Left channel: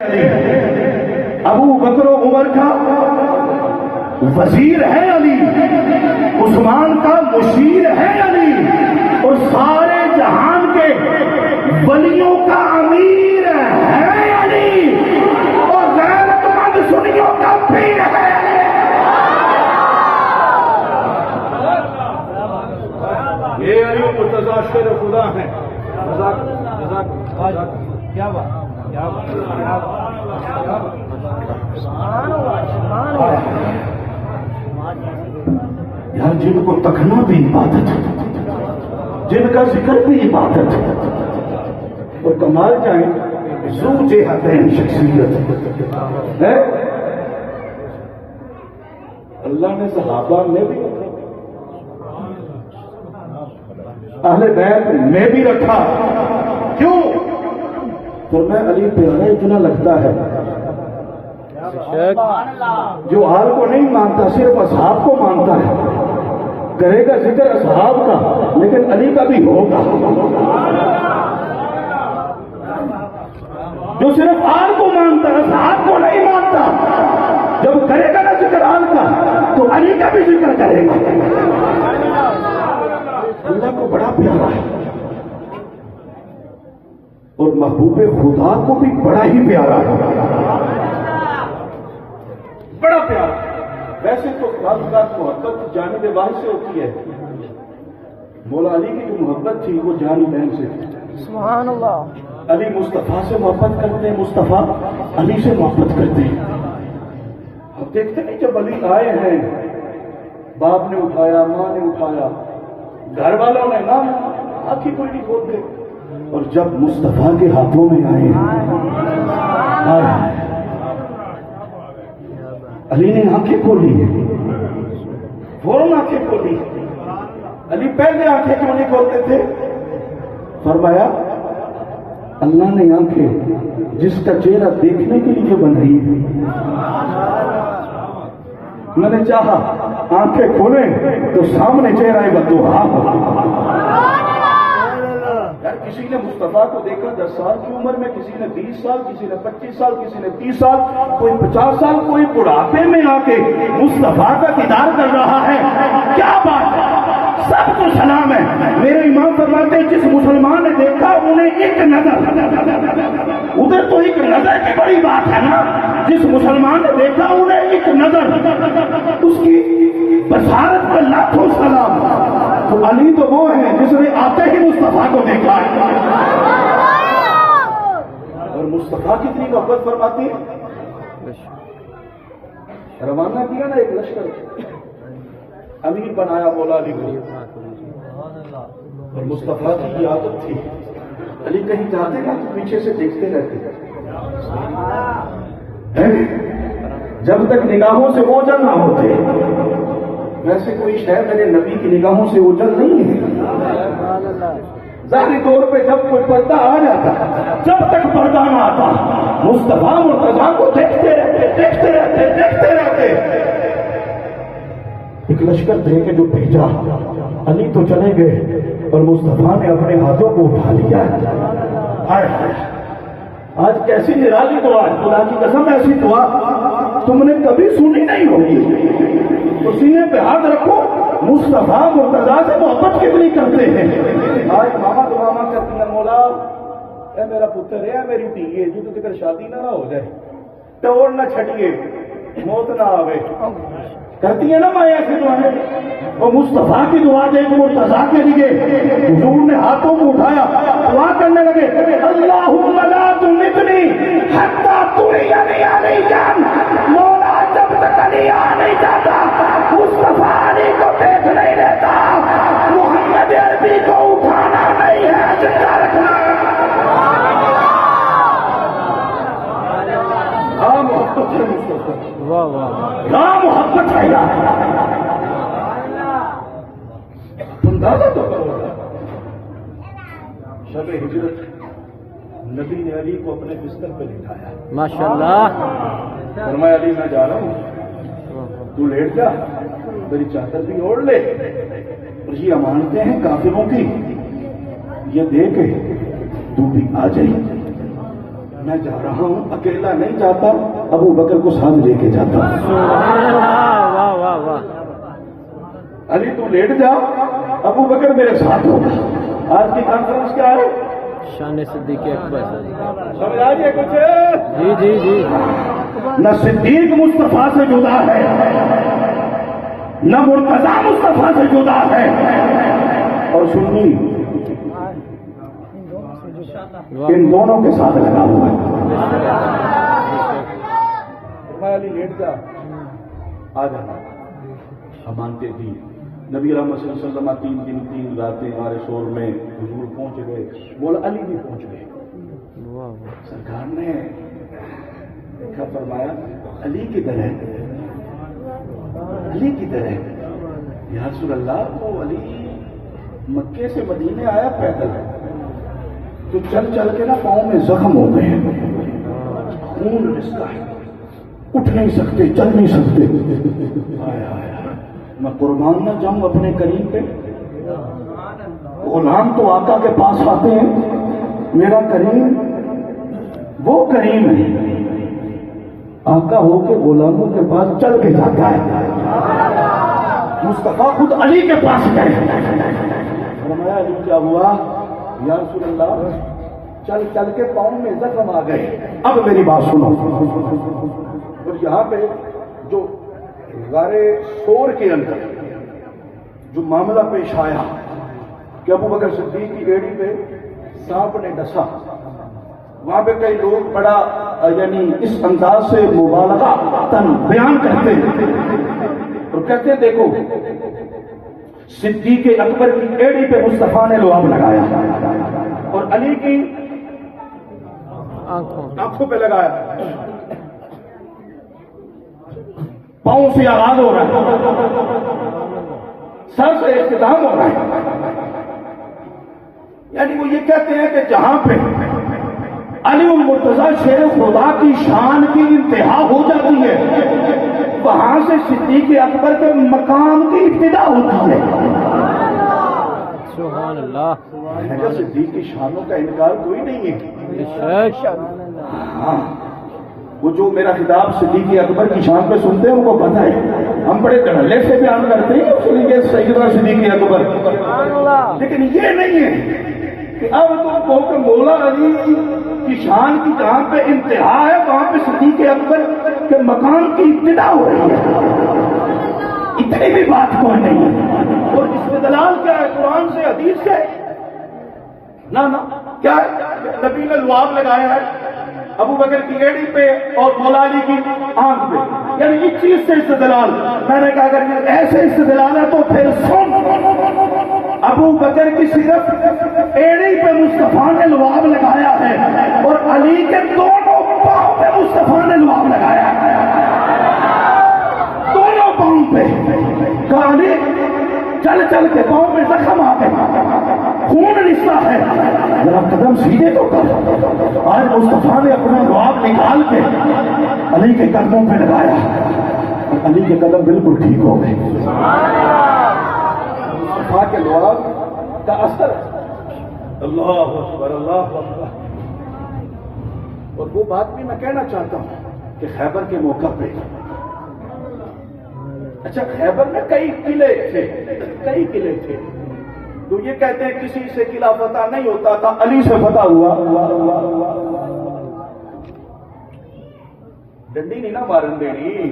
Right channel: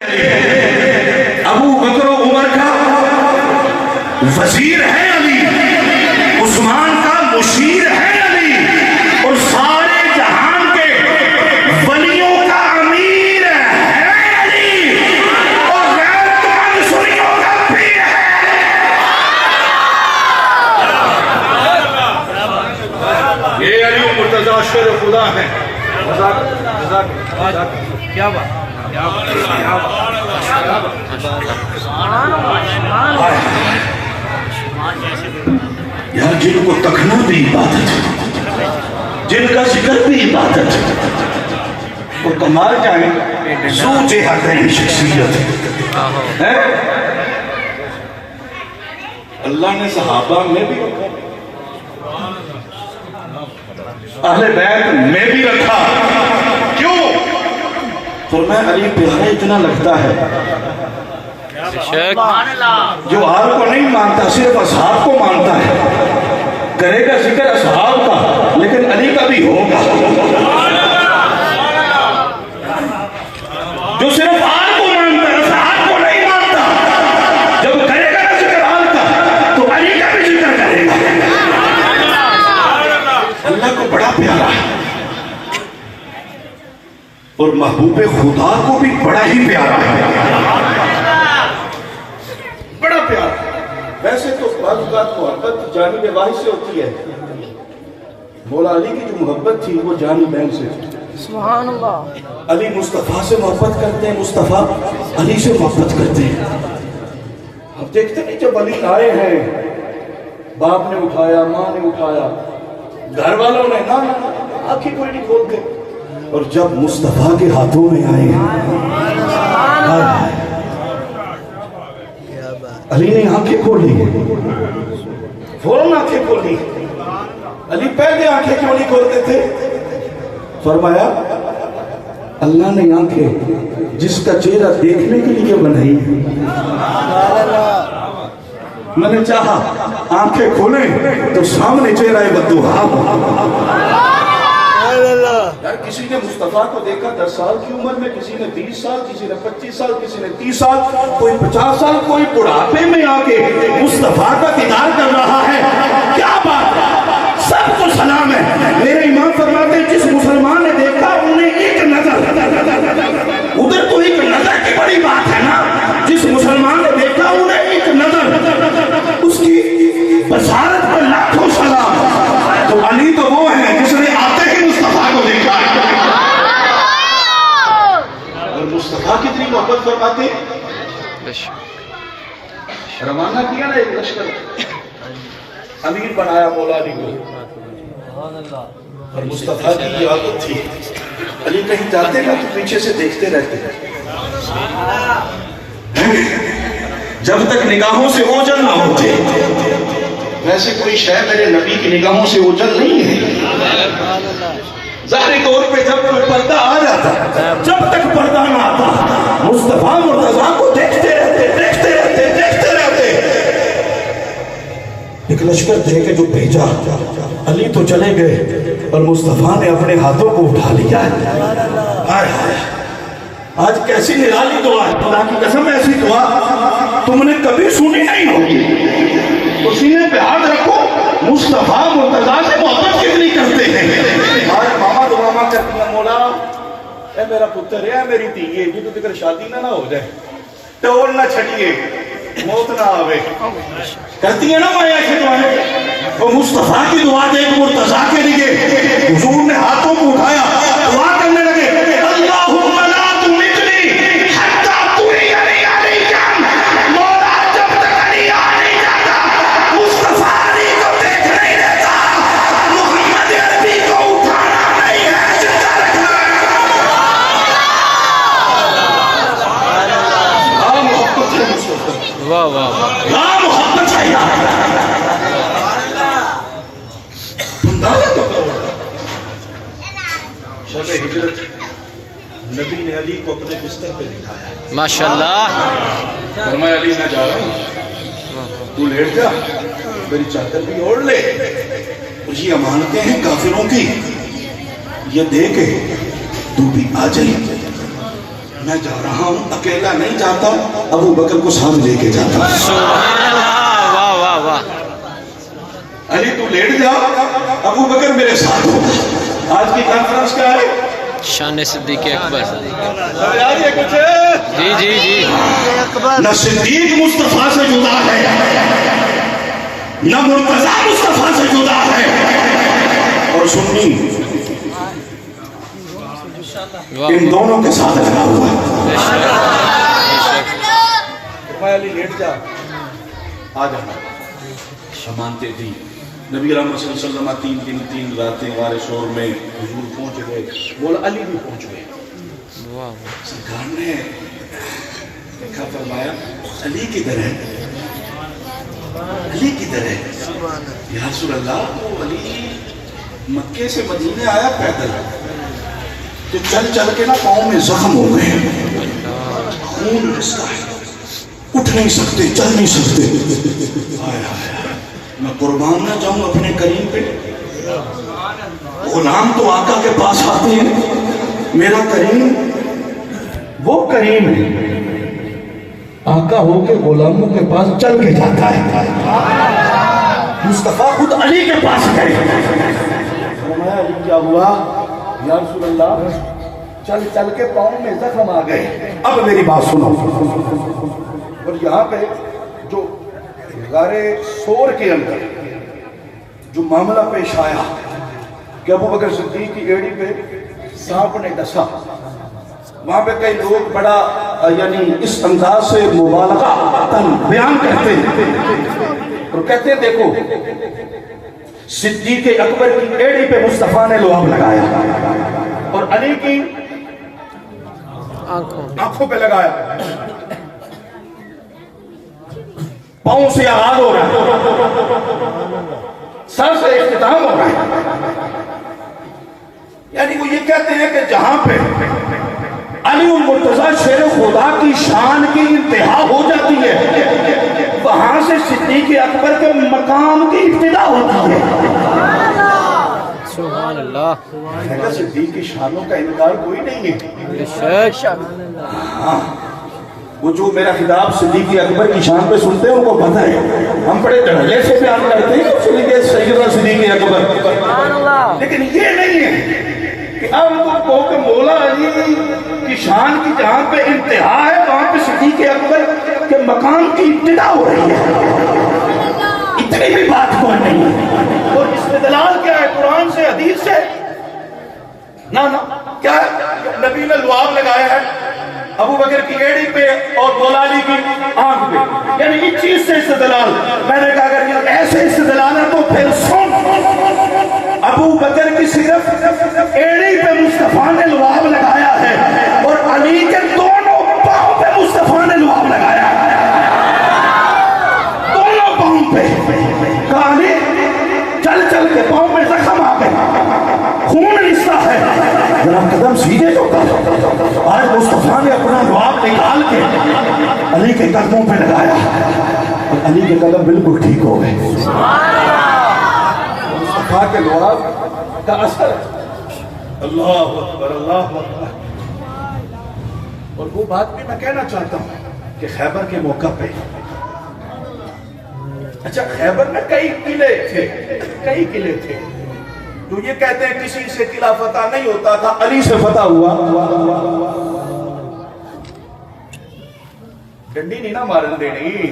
ابو بکر و عمر کا وزیر ہے علی، عثمان کا مشیر ہے علی، اور سارے جہان کے ولیوں کا امیر ہے علی، اور غیرتمند سنیوں کا پیر ہے۔ یہ علی مرتضی شیر خدا ہیں۔ کیا بات یار جن کو تکنا بھی عبادت ہے، جن کا ذکر بھی عبادت ہے، وہ کمال جائیں زو جہتیں شخصیت ہے۔ اللہ نے صحابہ میں بھی رکھا، اہل بیت میں بھی رکھا، کیوں؟ فرمایا علی پیارا اتنا لگتا ہے، جو آل کو نہیں مانتا صرف اصحاب کو مانتا ہے، کرے گا ذکر اصحاب کا لیکن علی کا بھی ہوگا۔ جو صرف آل کو مانتا ہے اصحاب کو نہیں مانتا، جب کرے گا نا ذکر آل کا تو علی کا بھی ذکر کرے گا۔ اللہ کو بڑا پیارا ہے اور محبوب خدا کو بھی بڑا ہی پیارا ہے، بڑا پیارا۔ ویسے تو بعض اوقات محبت جانب واحد سے ہوتی ہے، مولا علی کی جو محبت تھی وہ جانب بین سے تھی۔ سبحان اللہ۔ علی مصطفیٰ سے محبت کرتے ہیں، مصطفیٰ علی سے محبت کرتے ہیں۔ اب دیکھتے نہیں جب علی آئے ہیں، باپ نے اٹھایا، ماں نے اٹھایا، گھر والوں نے نہ آنکھیں کوئی نہیں کھولتے، اور جب مصطفیٰ کے ہاتھوں میں آئے علی نے آنکھیں کھولی، فوراً آنکھیں کھولی۔ علی پہلے آنکھیں کیوں نہیں کھولتے تھے؟ فرمایا اللہ نے آنکھیں جس کا چہرہ دیکھنے کے لیے بنائی ہے، میں نے چاہا آنکھیں کھولیں تو سامنے چہرہ بددعا ہو۔ یار کسی نے مصطفیٰ کو دیکھا 10 سال کی عمر میں، کسی نے 20 سال، کسی نے 25 سال، کسی نے 30 سال، کوئی 50 سال، کوئی بڑھاپے میں آ کے مصطفیٰ کا دیدار کر رہا ہے۔ کیا بات ہے، سب کو سلام ہے۔ میرے امام فرماتے ہیں جس مسلمان نے دیکھا انہیں ایک نظر، ادھر تو ایک نظر کی بڑی بات ہے نا، جس مسلمان نے دیکھا انہیں ایک نظر، اس کی بصارت پر لاکھوں سلام۔ تو علی تو وہ ہے جس نے آتے ہی مصطفیٰ کو دیکھا، اور مصطفیٰ کتنی محبت فرماتے ہیں۔ روانہ کیا نا ایک لشکر، امیر بنایا مولا علی کو، اور مصطفیٰ کی یہ عادت تھی، علی کہیں جاتے نا تو پیچھے سے دیکھتے رہتے جب تک نگاہوں سے اوجھل نہ ہوتے۔ ویسے کوئی شے میرے نبی کی نگاہوں سے اوجھل نہیں ہے، ظاہری طور پہ جب کوئی پردہ آ جاتا، جب تک پردہ نہ آتا مصطفیٰ مرتضیٰ کو دیکھتے رہتے، دیکھتے رہتے، دیکھتے رہتے۔ ایک لشکر دے کے جو بھیجا، علی تو چلے گئے اور مصطفیٰ نے اپنے ہاتھوں کو اٹھا لیا ہے۔ آج کیسی نرالی دعا ہے، خدا کی قسم ایسی دعا تم نے کبھی سنی نہیں ہوگی۔ تو سینے پہ ہاتھ رکھو، مصطفیٰ مرتضیٰ سے محبت کتنی کرتے ہیں۔ آج ماما دعا کرتی ہیں، مولا اے میرا پتر ہے، اے میری دھیے، جی تو تکر شادی نہ ہو جائے، ٹور نہ چھٹیے، موت نہ آوے، کہتی ہیں نا میں ایسی دعائیں۔ وہ مصطفیٰ کی دعا دے تو مرتضیٰ کے لیے حضور نے ہاتھوں کو اٹھایا، دعا کرنے لگے، اللہم لا تمتنی حتی تریانی علی جان۔ مولا جب تک علی آ نہیں جاتا مصطفیٰ علی کو دیکھ نہیں لیتا، محمد عربی کو اٹھانا نہیں ہے، زندہ رکھنا ہے۔ ہاں محبت ہے مصطفیٰ، واہ واہ واہ، ہاں محبت ہے یار۔ اندازہ تو کرو، شب ہجرت نبی نے علی کو اپنے بستر پہ بٹھایا، ماشاءاللہ۔ فرمایا علی میں جا رہا ہوں، تو لیٹ جا، میری چادر بھی اوڑھ لے، اور یہ امانتیں ہیں کافروں کی، یہ دے کے تو بھی آ جائے۔ میں جا رہا ہوں، اکیلا نہیں جاتا، ابو بکر کو ساتھ لے کے جاتا. سبحان اللہ، واہ واہ واہ. علی تو لیٹ جا، ابو بکر میرے ساتھ ہوگا. آج کی کانفرنس کیا ہے؟ شان صدیق اکبر. سمجھ آ گیا کچھ؟ جی جی جی. نہ صدیق مصطفیٰ سے جدا ہے، نہ مرتضیٰ مصطفیٰ سے جدا ہے. اور سنی ان دونوں کے ساتھ لگا ہوا ہے. بے شک بے شک. فرمایا علی لیٹ جا، آ جانا. مانتے تھی. نبی رحمت صلی اللہ علیہ وسلم 3 دن 3 راتیں غار شور میں حضور پہنچ گئے. بولا علی بھی پہنچ گئے. واہ واہ. سرکار نے دیکھا، فرمایا علی کدھر ہے؟ علی کدھر ہے؟ یا رسول اللہ، وہ علی مکے سے مدینے آیا پیدل، تو چل چل کے نا پاؤں میں زخم ہو گئے، خون رستا ہے، اٹھ نہیں سکتے، چل نہیں سکتے. میں قربان نہ جاؤں اپنے کریم پہ. غلام تو آقا کے پاس آتے ہیں، میرا کریم وہ کریم ہے، آقا ہو کے غلاموں کے پاس چل کے جاتا ہے. مصطفیٰ خود علی کے پاس گئے. فرمایا علی کیا ہوا؟ یا رسول اللہ، چل چل کے پاؤں میں زخم آ گئے. اب میری بات سنو. اور یہاں پہ جو غار سور کے اندر جو معاملہ پیش آیا کہ ابو بکر صدیق کی ایڑی پہ سانپ نے ڈسا، وہاں پہ کئی لوگ بڑا یعنی اس انداز سے مبالغہ بیان کرتے ہیں اور کہتے ہیں دیکھو صدیق اکبر کی ایڑی پہ مصطفیٰ نے لعاب لگایا اور علی کی آنکھوں پہ لگایا. پاؤں سے آغاز ہو رہا ہے، سر سے اختتام ہو رہا ہے. یعنی وہ یہ کہتے ہیں کہ جہاں پہ علی المرتضیٰ شیر خدا کی شان کی انتہا ہو جاتی ہے، وہاں سے صدیق اکبر کے مقام کی ابتدا ہوتی ہے. سبحان اللہ. صدیق کی شانوں کا انکار کوئی نہیں ہے. بے شک. ہاں، وہ جو میرا خطاب صدیق اکبر کی شان پہ سنتے ہیں ان کو پتہ ہے، ہم بڑے دھڑلے سے بیان کرتے ہیں اس لیے سیدنا صدیق اکبر. لیکن یہ نہیں ہے کہ اب تم کہو کہ مولا علی کی شان کی جہاں پہ انتہا ہے وہاں پہ صدیق اکبر کے مقام کی ابتدا ہو رہی ہے. اتنی بھی بات کوئی نہیں ہے. اور اس میں دلال کیا ہے؟ قرآن سے، حدیث سے؟ نہ کیا ہے؟ نبی نے لعاب لگایا ہے ابو بکر کی ایڑی پہ اور مولا علی کی آنکھ پہ. یعنی اس چیز سے استدلال. میں نے کہا اگر یہ ایسے استدلال ہے تو پھر سن، ابو بکر کی صرف ایڑی پہ مصطفیٰ نے لعاب لگایا ہے اور علی کے دونوں پاؤں پہ مصطفیٰ نے لعاب لگایا ہے. دونوں پاؤں پہ. کہا علی چل چل کے پاؤں میں زخم آ گئے، خون رستا ہے، ذرا قدم سیدھے تو کر. آج مصطفیٰ نے اپنا لعاب نکال کے علی کے قدموں پہ لگایا اور علی کے قدم بالکل ٹھیک ہو گئے. مصطفیٰ کے لعاب کا اثر ہے. اللہ اکبر، اللہ اکبر. اور وہ بات بھی میں کہنا چاہتا ہوں کہ خیبر کے موقع پہ، اچھا خیبر میں کئی قلعے تھے جو یہ کہتے ہیں کسی سے قلعہ فتح نہیں ہوتا تھا، علی سے فتح ہوا. ڈنڈی نہیں نا مارن دینی.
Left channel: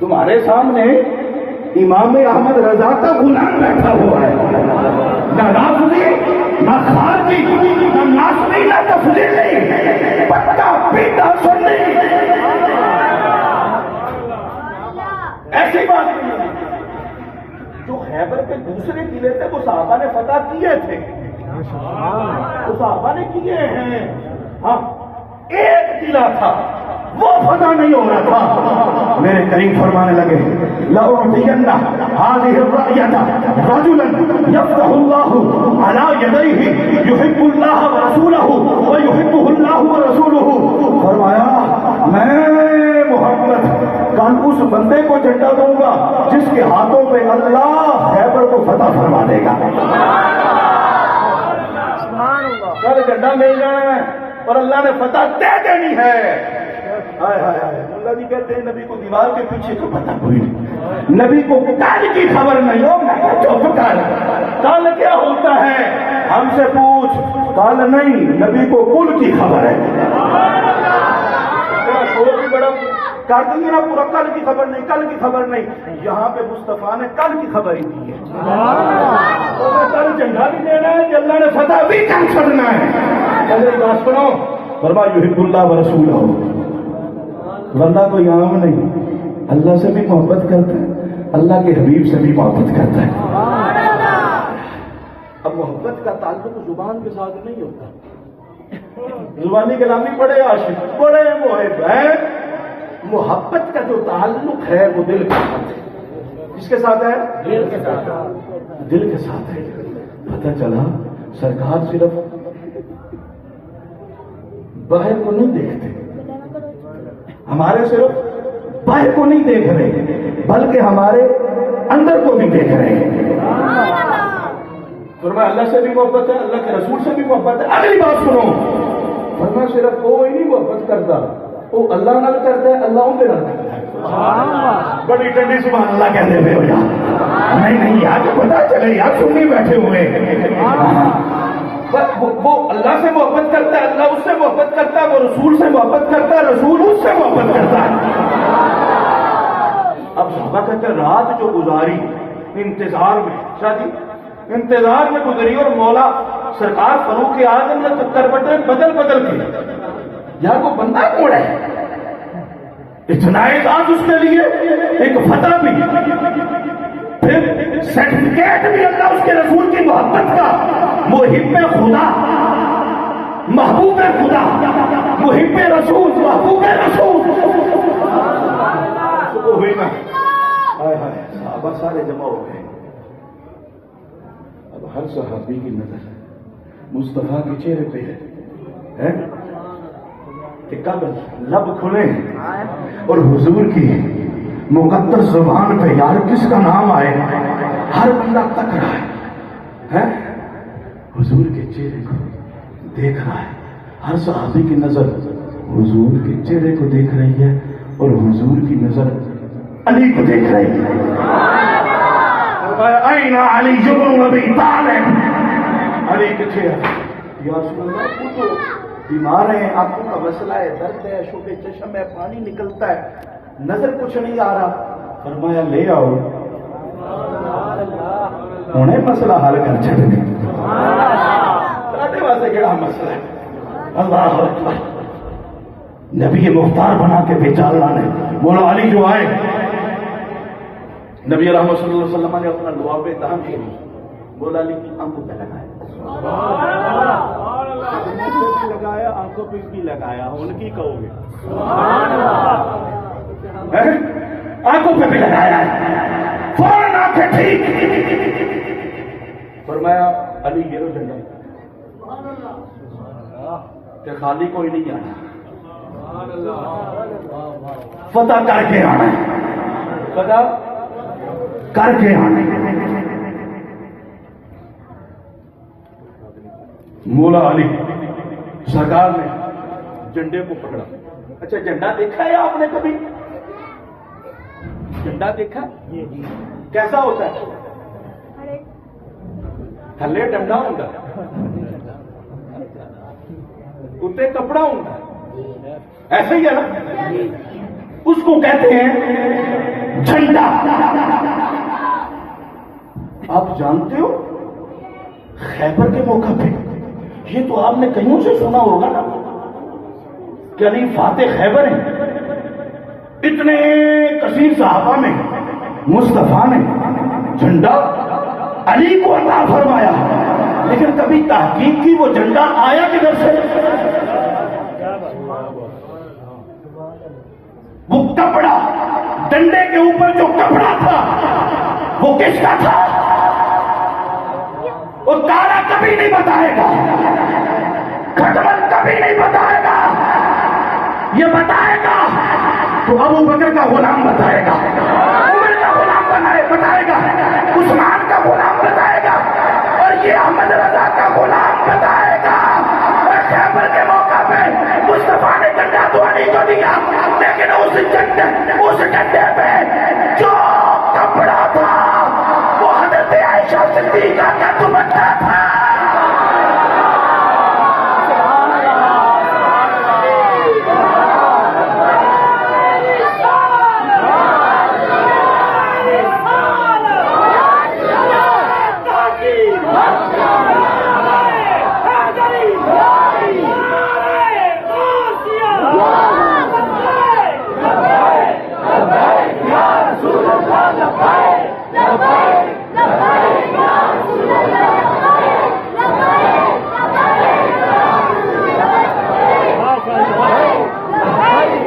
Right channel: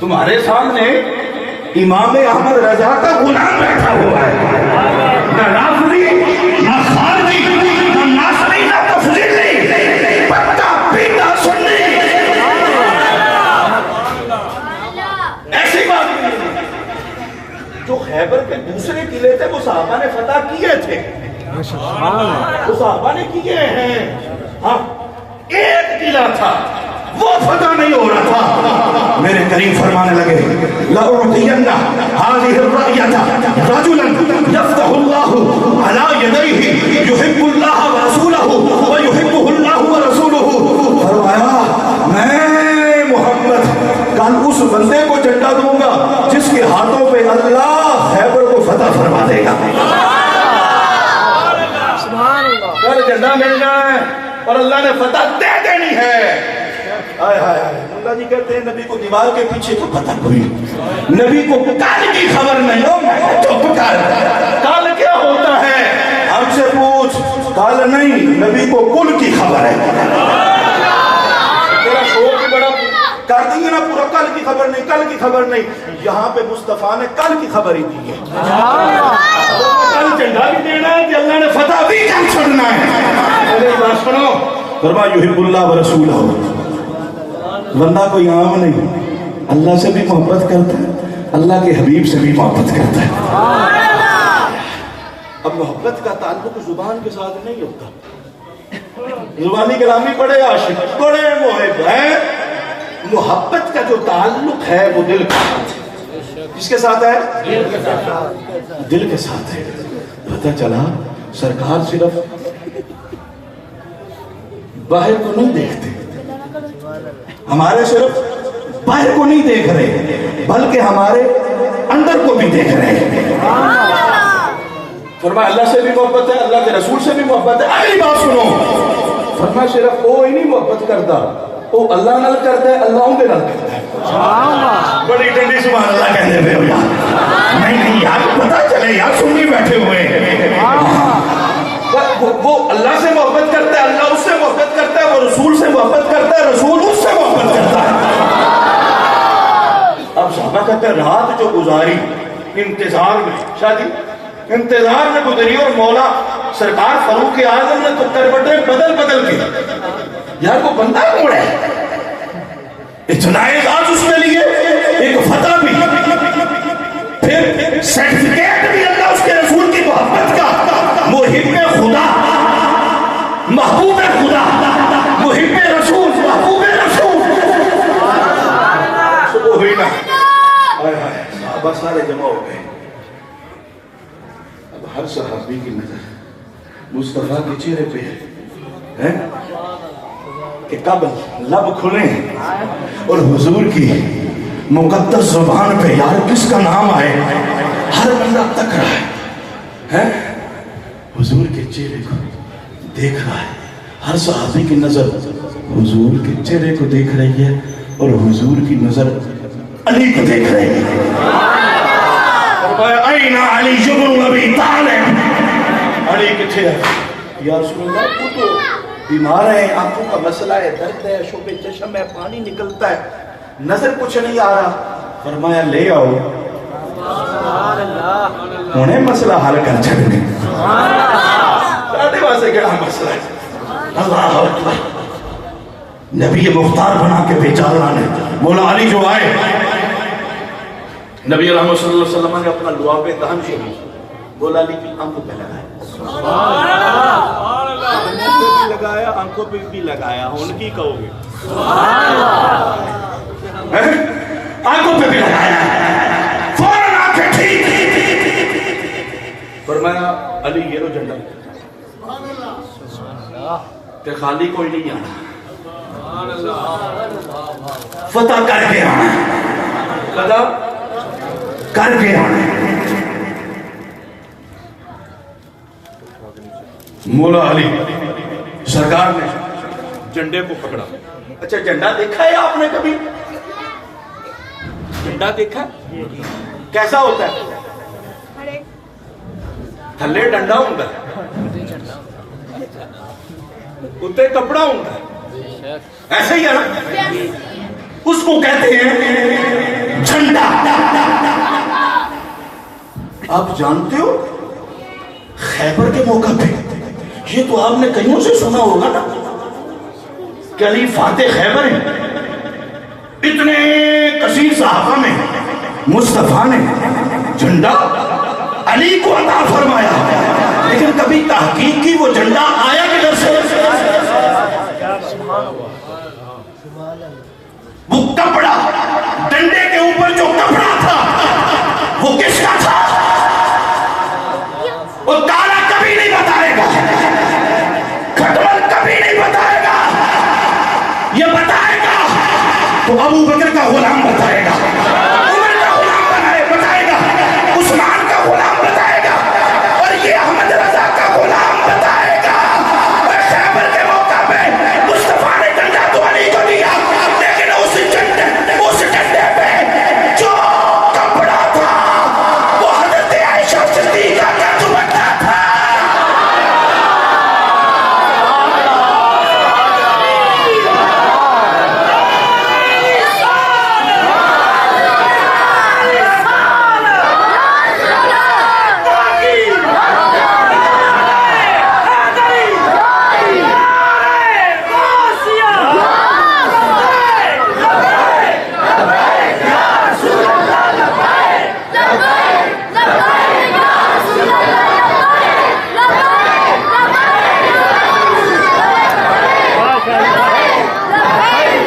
تمہارے سامنے امام احمد رضا کا غلام بیٹھا ہوا ہے، نہ رافضی، نہ خارجی، نہ ناصری، نہ تفضیلی، پتا پیتا سنی. ایسی بات نہیں ہے. جو خیبر کے دوسرے قلعے تھے وہ صحابہ نے فتح کیے تھے، وہ صحابہ نے کیے ہیں. ہاں، ایک قلعہ تھا وہ فتح نہیں ہو رہا تھا. میرے کریم فرمانے لگے لَأُعْطِيَنَّ هَذِهِ الرَّأْيَةَ رَجُلًا يَفْتَحُ اللَّهُ عَلَى يَدَيْهِ يُحِبُّ اللَّهَ وَرَسُولَهُ وَيُحِبُّهُ اللَّهُ وَرَسُولُهُ. فرمایا میں محمد کل اس بندے کو جھنڈا دوں گا جس کے ہاتھوں پہ اللہ خیبر کو فتح فرما دے گا. کل نال جھنڈا مل جانا ہے اور اللہ نے فتح دے دینی ہے. ہائے ہائے ہائے. ملا جی کہتے ہیں نبی کو دیوار کے پیچھے تو پتہ کوئی نبی کو کل کی خبر نہیں ہو. میں چپ کر, کل کیا ہوتا ہے ہم سے پوچھ. کل نہیں, نبی کو کل کی خبر ہے. تیرا شور بھی بڑا کر دیں گے نا پورا, کل کی خبر نہیں, کل کی خبر نہیں. یہاں پہ مصطفیٰ نے کل کی خبر ہی دی ہے. کل جھنڈا بھی دینا ہے کہ اللہ نے فتح بھی کل چھڑنا ہے. پہلے بات سنو. فرمایا یحب اللہ و رسولہ. بندہ کوئی عام نہیں, اللہ سے بھی محبت کرتا ہے, اللہ کے حبیب سے بھی محبت کرتا ہے. اب محبت کا تعلق زبان کے ساتھ نہیں ہوتا. زبانی کلامی بڑے عاشق, بڑے محب ہیں. محبت کا جو تعلق ہے وہ دل کے ساتھ ہے. کس کے ساتھ ہے؟ دل کے ساتھ ہے. پتہ چلا سرکار صرف باہر کو نہیں دیکھتے, ہمارے صرف باہر کو نہیں دیکھ رہے بلکہ ہمارے اندر کو بھی دیکھ رہے ہیں. فرمایا اللہ سے بھی محبت ہے, اللہ کے رسول سے بھی محبت ہے. اگلی بات سنو. فرمایا صرف وہ ہی نہیں محبت کرتا, وہ اللہ نال کرتا ہے, اللہ ان کے نال کرتا ہے. بڑی ٹھنڈی سبحان اللہ کہہ رہے ہو یار. نہیں یار پتہ چلے یار, سنی بیٹھے ہوئے. وہ اللہ سے محبت کرتا ہے, اللہ اس سے محبت کرتا ہے, وہ رسول سے محبت کرتا ہے, رسول اس سے محبت کرتا ہے. اب صحابہ کہتے ہیں رات جو گزاری انتظار میں, شادی انتظار میں گزری, اور مولا سرکار فاروق اعظم نے تو کروٹیں بدل بدل کے, یار وہ بندہ کون ہے, اتنا اعزاز اس کے لیے, ایک فتح بھی, پھر سرٹیفکیٹ بھی اللہ اس کے رسول کی محبت کا. محب خدا, محبوب خدا, محب رسول, محبوب رسول. صبح ہوئی نا, صحابہ سارے جمع ہو گئے. اب ہر صحابی کی نظر مصطفیٰ کے چہرے پہ ہے کہ کب لب کھلے اور حضور کی مقدس زبان پہ یار کس کا نام آئے. ہر بندہ تک رہا ہے, حضور کے چہرے کو دیکھ رہا ہے. ہر صحابی کی نظر حضور کے چہرے کو دیکھ رہی ہے اور حضور کی نظر علی کو دیکھ رہی ہے. فرمایا این علی بن ابی طالب. علی کتھے ہے یا رسول اللہ؟ وہ تو بیمار ہیں, آنکھوں کا مسئلہ ہے, درد ہے, شوب چشم ہے, پانی نکلتا ہے, نظر کچھ نہیں آ رہا. فرمایا لے آؤ, انہیں مسئلہ حل کر چھڑنے. ساڑھے واسے کہا مسئلہ ہے. اللہ اکبر. نبی مختار بنا کے بھیجا اللہ نے. مولا علی جو آئے, نبی رحمت صلی اللہ علیہ وسلم نے اپنا لعاب دہن شریف مولا علی کی آنکھوں پہ لگایا. منہ پہ بھی لگایا, آنکھوں پہ بھی لگایا. ان کی کہو گے آنکھوں پہ بھی لگایا, فوراً آنکھیں ٹھیک. فرمایا علی یہ لو جھنڈا, کہ خالی کوئی نہیں آنا, فتح کر کے آنا, فتح کر کے آنا. مولا علی سرکار نے جھنڈے کو پکڑا. اچھا جھنڈا دیکھا ہے آپ نے کبھی؟ جھنڈا دیکھا کیسا ہوتا ہے؟ تھلے ڈنڈا ہوتا ہے, اتنے کپڑا ہوتا ہے, ایسے ہی ہے نا. اس کو کہتے ہیں جھنڈا. آپ جانتے ہو خیبر کے موقع پہ, یہ تو آپ نے کہیں سے سنا ہوگا نا کہ علی فاتح خیبر ہیں. اتنے کثیر صحابہ میں مصطفیٰ نے جھنڈا علی کو عطا فرمایا, لیکن کبھی تحقیق کی وہ جھنڈا آیا کدھر سے؟ وہ کپڑا, ڈنڈے کے اوپر جو کپڑا تھا وہ کس کا تھا؟ وہ تارا کبھی نہیں بتائے گا, کھٹمل کبھی نہیں بتائے گا. یہ بتائے گا تو ابو بکر کا غلام بتائے گا, عمر کا غلام بتائے گا, عثمان کا غلام بتائے گا, اور یہ احمد رضا کا غلام بتائے گا.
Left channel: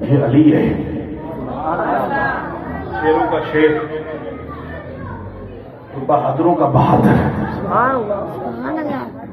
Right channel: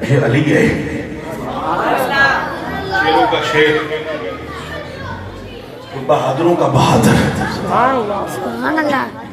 یہ علی ہے، شیروں کا شیر، بہادروں کا بہادر، سبحان اللہ